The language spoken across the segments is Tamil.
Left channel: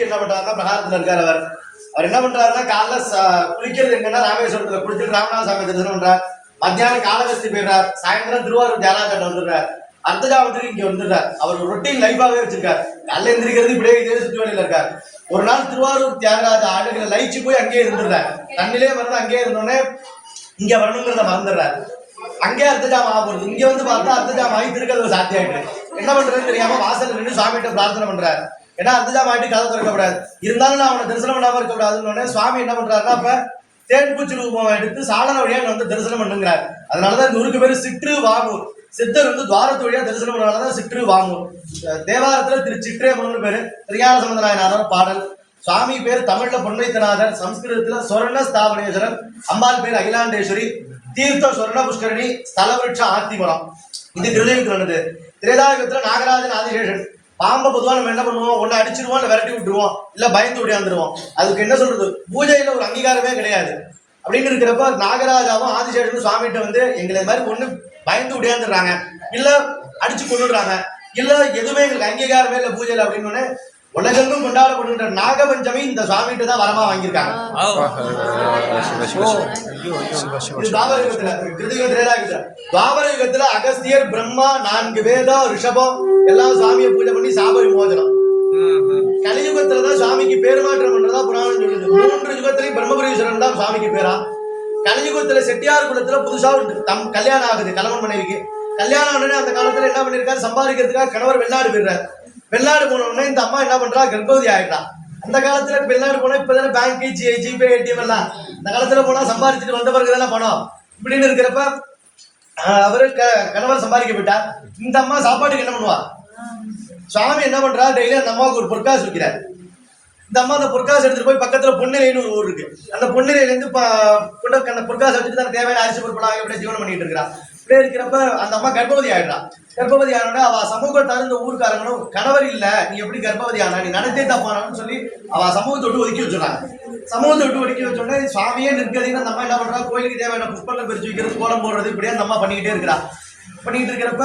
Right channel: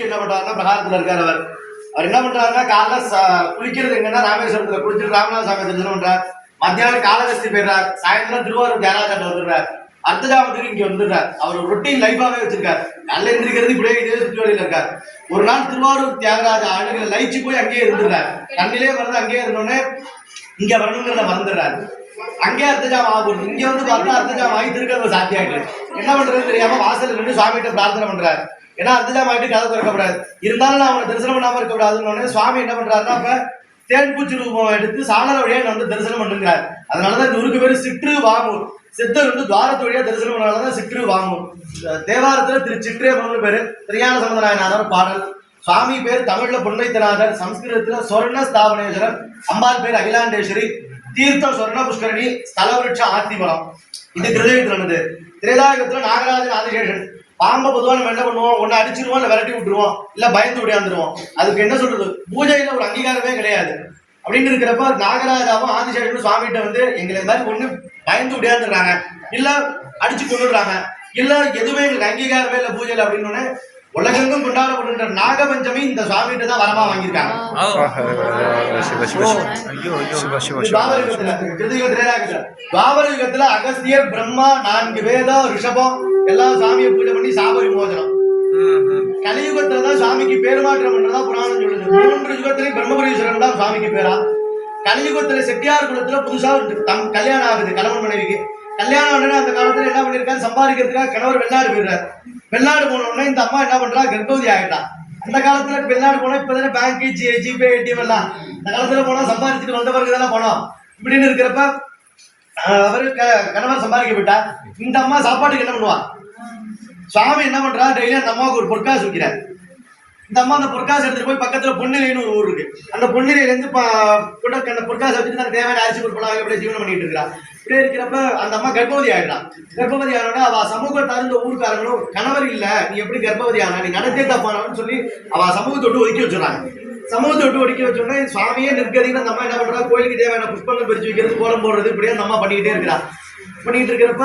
என்ன பண்றாருன்னா பிரகாரத்துல இருக்காரு அவர். அவர் என்ன பண்றாருன்னா காலைல ச- குளிக்கிறது எங்கன்னா ராமேஸ்வரத்துல குளிச்சுட்டு ராமநாத சாமி தரிசனம் பண்றார். மத்தியானம் காலகஸ்தி போயிடுறார். சாயந்தரம் திருவாரூர் தியானாச்சாட்ட வந்துடுறார். அர்த்தஜாமத்துக்கு இங்க வந்துடுறார். அவர் ரொட்டீன் லைஃபாவே வச்சிருக்கார். நல்ல எந்திரிக்கிறது இப்படியே இதே சுற்றி இருக்கார். ஒரு நாள் திருவாரூர் தியாகராஜ ஆளுகளை லயிச்சு போய் அங்கேயே இருந்துடுறார். தண்ணிலே வந்து அங்கேயே இருந்தோடனே இங்க வரணுங்கிறத மறந்துடுறாரு. அங்கே அர்த்தஜாமம் ஆகுது இங்க வந்து பார்த்தா அர்த்தஜாமம் ஆகி திருக்கதவு சாத்தியாயிட்டு என்ன பண்றதுன்னு தெரியாம வாசல் நின்று சாமிகிட்ட பிரார்த்தனை பண்றாரு. ஏன்னா அதுதான் மாட்டி கதை திறக்கப்படாது இருந்தாலும் நான் அவனை தரிசனம் பண்ணாமல் இருக்கக்கூடாதுன்னு உடனே சுவாமி என்ன பண்றாருன்னா அப்போ தேன்பூச்சி ரூபம் எடுத்து சாளர வழியாக வந்து தரிசனம் பண்ணுங்கிறார். அதனாலதான் இந்த ஊருக்கு பேர் சிற்று வாங்கூர். சித்தர் வந்து துவாரத்து வழியாக தரிசனம் பண்ணாலதான் சிற்று வாங்கூர். தேவாரத்தில் திரு சிற்றேமன் பேர். திரியான சம்பந்தநாயனார் பாடல். சுவாமி பேர் தமிழ்ல பொன்னைத்தநாதர் சம்ஸ்கிருதத்துல சொர்ண ஸ்தாபனேஸ்வரர் அம்பாள் பேர் அகிலாண்டேஸ்வரி தீர்த்த சொர்ண புஷ்கரணி ஸ்தலவிருட்ச ஆத்திமரம். இது கிருதயத்தில் நடந்தது. திரேதாயுகத்துல நாகராஜன் ஆதிசேஷன். பாம்பை பொதுவா நம்ம என்ன பண்ணுவோம்? ஒன்னு அடிச்சிருவோம் இல்ல விரட்டி விட்டுருவோம் இல்ல பயந்து விடையாந்துருவோம் அதுக்கு என்ன சொல்றது? பூஜையில ஒரு அங்கீகாரமே கிடையாது. அப்படின்னு இருக்கிறப்ப நாகராஜாவும் ஆதிசேஷனும் சுவாமிகிட்ட வந்து எங்களை இந்த மாதிரி ஒண்ணு பயந்து விடையாந்துடுறாங்க இல்ல அடிச்சு கொண்டுடுறாங்க இல்ல எதுவுமே எங்களுக்கு அங்கீகாரமே இல்ல பூஜையில அப்படின்னு உடனே உலகெங்கும் கொண்டாடப்படுகின்ற நாகபஞ்சமி இந்த சுவாமிகிட்ட தான் வரமா வாங்கியிருக்காங்க. துவாபர யுகத்துல, அகஸ்தியர் பிரம்மா நான்கு வேதம் ரிஷபம் எல்லாம் சாமியை பேர் மாற்றம் பண்றதா புராணம் சொல்லுது. மூன்று யுகத்திலையும் பிரம்மபுரீஸ்வரன் தான் சாமிக்கு பேரா. கலியுகத்துல செட்டியார் குலத்துல புதுசா ஒரு தம் கல்யாணம் ஆகுது கணவன் மனைவிக்கு. கல்யாணம் உடனே அந்த காலத்துல என்ன பண்ணிருக்காரு? சம்பாதிக்கிறதுக்காக கணவர் வெளிநாடு போயிடுறாரு. வெளிநாடு போன உடனே இந்த அம்மா என்ன பண்றா? கர்ப்பவதி ஆயிட்டா. அந்த காலத்துல வெளிநாடு போனா இப்பதானே பேங்க் ஜி ஜிபே ஏடிஎம் எல்லாம். அந்த காலத்துல போனா சம்பாதிச்சுட்டு வந்த பிறகு தானே பணம். இப்படின்னு இருக்கிறப்ப அவர் அவரு க- கணவர் சம்பாதிக்க போயிட்டா. இந்த அம்மா சாப்பாட்டுக்கு என்ன பண்ணுவா? சுவாமி என்ன பண்றா? டெய்லி அந்த அம்மாவுக்கு ஒரு பொற்காசு வைக்கிறார். இந்த அம்மா அந்த பொற்காசு எடுத்துட்டு போய் பக்கத்துல பொன்னிலைன்னு ஒரு ஊர் இருக்கு. அந்த பொன்னிலையில இருந்து அந்த பொற்காசு வச்சுட்டு தான் தேவையான அரிசி பொருட்களாக அப்படியே ஜீவனம் பண்ணிட்டு இருக்கா. இப்படியே இருக்கிறப்ப அந்த அம்மா கர்ப்பவதி ஆயிடுறா. கர்ப்பவதி ஆனோட அவ சமூகம் தகுந்த ஊருக்காரங்களும் கணவர் இல்ல நீ எப்படி கர்ப்பவதி ஆனா? நீ நடத்தே தப்பானவன்னு சொல்லி அவ சமூகத்தை விட்டு ஒதுக்கி வச்சிடறாங்க. சமூகத்தை விட்டு ஒதுக்கி வச்ச உடனே சுவாமியே நிற்கதின்னு அந்த அம்மா என்ன பண்றா? கோயிலுக்கு தேவையான புஷ்பங்கள் பிரிச்சு வைக்கிறது கோலம் போடுறது இப்படியே அந்த அம்மா பண்ணிக்கிட்டே இருக்கிறா. பண்ணிட்டு இருக்கிறப்ப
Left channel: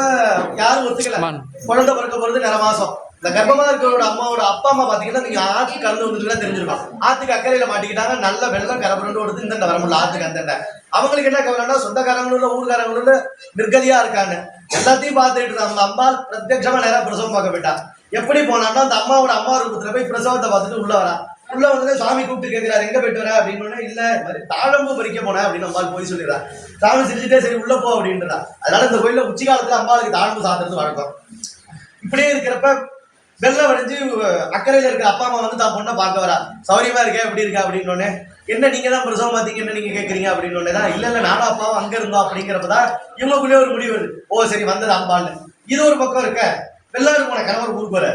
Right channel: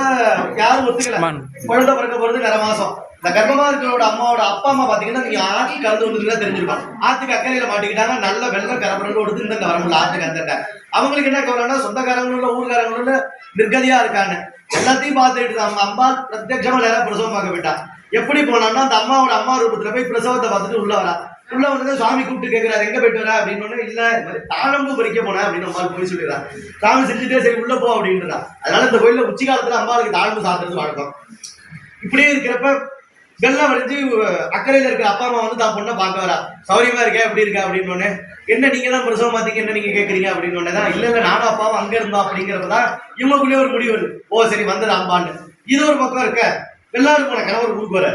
யாரும் ஒத்துக்கல. குழந்தை பிறக்க போறது நிற மாசம். இந்த கர்ப்பமா இருக்கிறோட அம்மாவோட அப்பா அம்மா பாத்தீங்கன்னா நீங்க ஆற்றுக்கு கலந்து வந்துட்டு தெரிஞ்சிருப்பாங்க. ஆத்துக்கு அக்கறையில மாட்டிக்கிட்டாங்க நல்ல வெள்ளம் கரப்புரண்டு ஓடுது இந்த வர முடியல ஆத்துக்கு அந்த அவங்களுக்கு என்ன கவலைன்னா சொந்தக்காரங்களும் இல்ல ஊர்காரங்களும் நிர்கதியா இருக்காங்க. எல்லாத்தையும் பார்த்துட்டு அந்த அம்மா பிரத்யட்சமா நேரம் பிரசவம் பார்க்க போயிட்டா. எப்படி போனான்னா அந்த அம்மாவோட அம்மா ரூபத்துல போய் பிரசவத்தை பார்த்துட்டு உள்ள வரா. உள்ள வந்து சுவாமி கூப்பிட்டு கேட்கிறாரு எங்க போயிட்டு வர? அப்படின்னு இல்ல இந்த மாதிரி தாழம்பு பறிக்க போனேன் அப்படின்னு அம்மாள் போய் சொல்லிடுறா. சாமி சிரிச்சுட்டே சரி உள்ள போ அப்படின்றா. அதனால இந்த கோயில்ல உச்சி காலத்துல அம்பாளுக்கு தாழம்பு சாப்பிடுறது வழக்கம். இப்படியே இருக்கிறப்ப வெள்ளம் அடைஞ்சு அக்கறையில் இருக்கிற அப்பா அம்மா வந்து தான் பொண்ணை பார்க்க வரா. சௌரியமா இருக்கா எப்படி இருக்கா அப்படின்னு உடனே என்ன நீங்க தான் பிரசவம் பார்த்தீங்க என்ன நீங்க கேட்குறீங்க அப்படின்னு தான் இல்லை இல்லை நானும் அப்பாவும் அங்கே இருந்தோம். அப்படிங்கிறப்ப தான் இவங்களுக்குள்ளே ஒரு முடிவு வருது. ஓ சரி வந்தது அம்பான்னு இது ஒரு பக்கம் இருக்க வெள்ளாடு போன கணவர் ஊருக்கு வர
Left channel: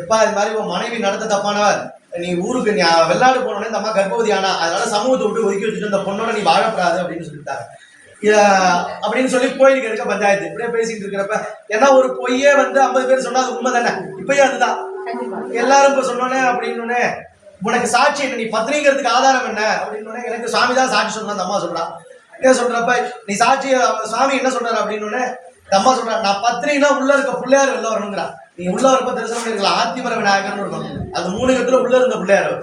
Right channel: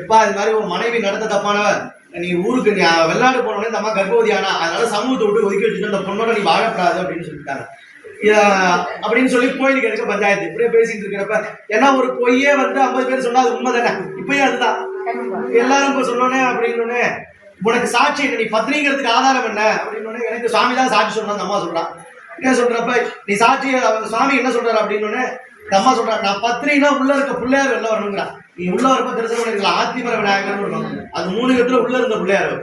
எப்பா இது மாதிரி உன் மனைவி நடத்த தப்பானவர் நீ ஊருக்கு நீ வெள்ளாடு போனோடனே இந்த அம்மா கர்ப்பவதி ஆனா அதனால சமூகத்தை விட்டு ஒதுக்கி வச்சுட்டு அந்த பொண்ணோட நீ வாழப்படாது. அப்படின்னு சொல்லிட்டாங்க. அப்படின்னு சொல்லி கோயிலுக்கு இருக்க பஞ்சாயத்து. இப்படியே பேசிட்டு இருக்கிறப்ப ஏன்னா ஒரு பொய்யே வந்து ஐம்பது பேர் சொன்னா அது உண்மை தானே இப்பயும் அதுதான் எல்லாரும் இப்ப சொன்னோன்னே அப்படின்னு உனக்கு சாட்சி என்ன? நீ பத்னிங்கிறதுக்கு ஆதாரம் என்ன? அப்படின்னு எனக்கு சுவாமி தான் சாட்சி சொன்னா அம்மா சொல்றான் என்ன சொல்றப்ப நீ சாட்சி சுவாமி என்ன சொல்றாரு? அப்படின்னு அம்மா சொல்றா நான் பத்னினா உள்ள இருக்க பிள்ளையார் வெளில வரணுங்கிறா. நீ உள்ள வரப்ப தரிசனம் பண்ணிருக்கலாம். ஆத்திமர விநாயகர்னு இருக்கும் அது மூணு இடத்துல உள்ள இருந்த பிள்ளையார்.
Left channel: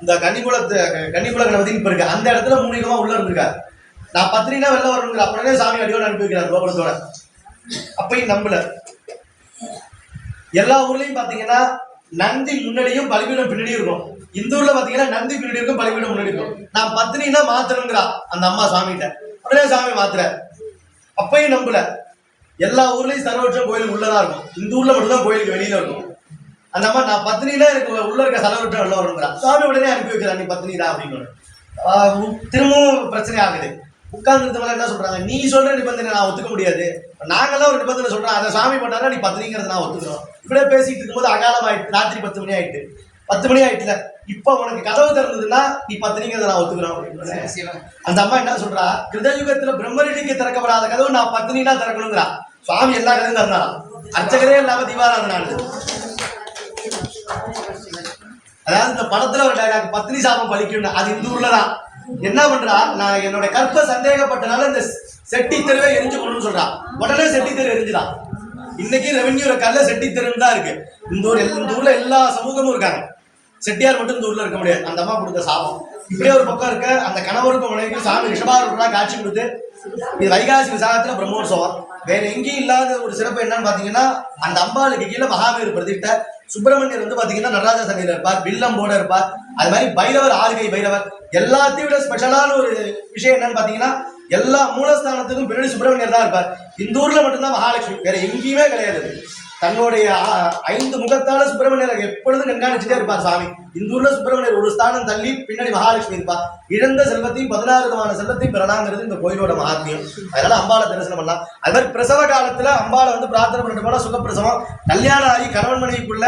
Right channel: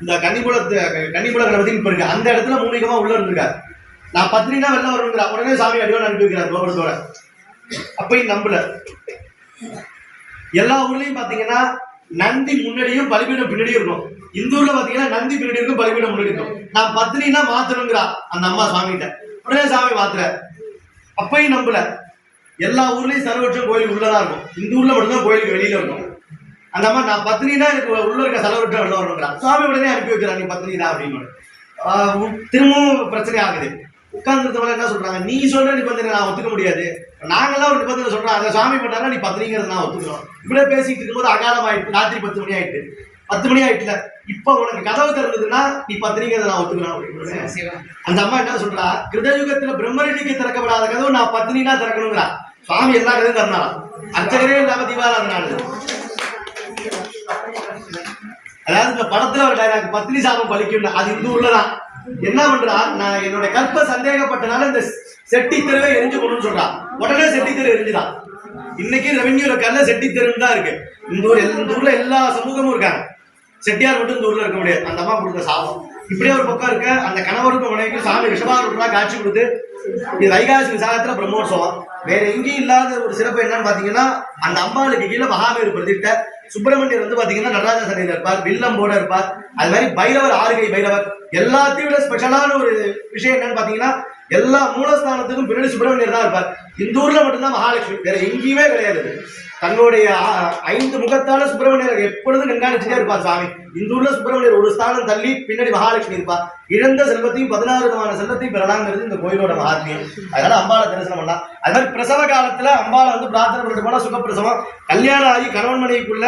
இந்த கன்னிபுலத்து கன்னிபுல கணபதி இப்ப இருக்கு. அந்த இடத்துல மூணு யுகமா உள்ள இருந்திருக்காரு. நான் பத்திரிக்கா வெளில வரணுங்கிற உடனே சாமி அடியோட அனுப்பி வைக்கிறார் கோபுரத்தோட. அப்பையும் நம்பல. எல்லா ஊர்லயும் பாத்தீங்கன்னா நந்தி முன்னாடியும் பலிபீடம் பின்னாடியும் இருக்கும். இந்த ஊர்ல பாத்தீங்கன்னா நந்தி பின்னாடி இருக்கும் பலிபீடம் முன்னாடி இருக்கும். நான் பத்னினா மாத்தணுங்கிறா அந்த அம்மா சாமிகிட்ட. உடனே சாமி மாத்துற அப்பையும் நம்பல. எல்லா ஊர்லயும் சர்வபட்சம் கோயிலுக்கு உள்ளதான் இருக்கும். இந்த ஊர்ல மட்டும்தான் கோயிலுக்கு வெளியில இருக்கும். அந்த அம்மா நான் பத்னினா எனக்கு உள்ள இருக்க சலவட்டம் வெளில வரணுங்கிறா சாமி உடனே அனுப்பி வைக்கிறா நீ பத்னிதா அப்படின்னு. திரும்பவும் பிரச்சனை ஆகுது. உட்கார்ந்துருந்தவங்க என்ன சொல்றாங்க? நீ சொல்ற நிபந்தனை நான் ஒத்துக்க முடியாது. நாங்கெல்லாம் ஒரு நிபந்தனை சொல்றோம். அதை சாமி பண்ணாரா நீ பத்னிங்கிறத நான் ஒத்துக்கிறோம். இப்படியே பேசிட்டு இருக்கும்போது அகாலம் ஆயிட்டு ராத்திரி பத்து மணி ஆயிட்டு. பத்து மணி ஆயிட்டுல இப்ப உனக்கு கதவு திறந்ததுன்னா நீ பத்னிங்கிறத நான் ஒத்துக்கிறோம் அப்படின்னு அந்த அம்மா என்ன சொல்றா? கிருதயுகத்துல பிரம்மரிடிக்கு திறக்கப்படாத கதவு நான் பத்னினா திறக்கணுங்கிறா. சுவாமி எல்லா கதையும் திறந்தாராம் அர்ச்சகரே இல்லாம தீபாராதனான் அதாவது இந்த படத்துல ஒரு டைலாக் பத்னி சாபம் பலிக்கும் அது இந்த ஊர்ல தான் என்ன பண்றா நான் என்னோட கற்ப சந்தேகப்பட்டனால இந்த செட்டி தெருவை எரிஞ்சு கொண்டு சொல்றா. உடனே செட்டி தெரு எரிஞ்சுதான் இன்னைக்கு ரெவென்யூல கல்ல செட்டி தெருன்னு தான் இருக்கு. இந்த ஊர் இந்த ஊர்ல எல்லா சமூகமும் இருக்காங்க. செட்டியார் மட்டும் இந்த ஊர்ல இருக்க முடியாது. அந்த அம்மா கொடுத்த சாபம். இப்படியே ஒரு பக்கம் இருக்க அந்த கணவருக்கும் மனைவிக்கும் சாமி ரிஷபாரூரா காட்சி கொடுத்து இது வைகாசி விசாகத்துல பிரம்மோற்சவம். வேற எங்கேயும் இல்லாத ஒரு சிறப்பு என்னன்னு பாத்தீங்கன்னா அந்த அம்பாளுக்கு கீழே மகாவீர் பிரதிட்ட சுப்பிரமணியர் வந்து பாத்தீங்கன்னா நடராஜ சனையில இருப்பார் வில்லம்போட இருப்பார். அது மாதிரி பைரவர் ஆறுகை பைரவர் எல்லாத்தையும் விட ஸ்பெஷலான ஒரு விஷயம் என்னன்னு பாத்தீங்கன்னா எல்லா மூலஸ்தானத்துக்கும் பின்னாடி சுப்பிரமணியர் தான் இருப்பார். இந்த ஊர்ல மட்டும்தான் மகாலட்சுமி வேற எங்கேயுமே கிடையாது. தன்னுடைய ஐந்து முகத்தால சுப்பிரமணியர் எப்பொழுதும் கண்காணிச்சுட்டே இருப்பார் சாமி. இந்த ஊர்ல சுப்பிரமணியர் ஒரு ஸ்தானம் தள்ளி பின்னாடி மகாலட்சுமி இருப்பார் இழந்த செல்வத்தையும் பதினாறு விதமான செல்வத்தையும் பெறலாங்கிறது இந்த கோயிலோட மகாத்மியம். அதனால அம்பாளை தரிசனம் பண்ணலாம். அது மாதிரி பிரசவ காலத்துல அம்பாளை வந்து பிரார்த்தனை பண்ணிட்டு போனா சுகப்பிரசவம். கல்யாணம் ஆகி கணவன் மனைவிக்குள்ள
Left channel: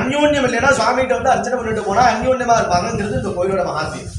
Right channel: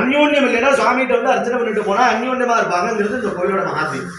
அந்யோன்யம் இல்லைன்னா சுவாமிகிட்ட வந்து அர்ச்சனை பண்ணிட்டு போனா அந்யோன்யமா இருப்பாங்கிறது இந்த கோயிலோட மகாத்மியம்.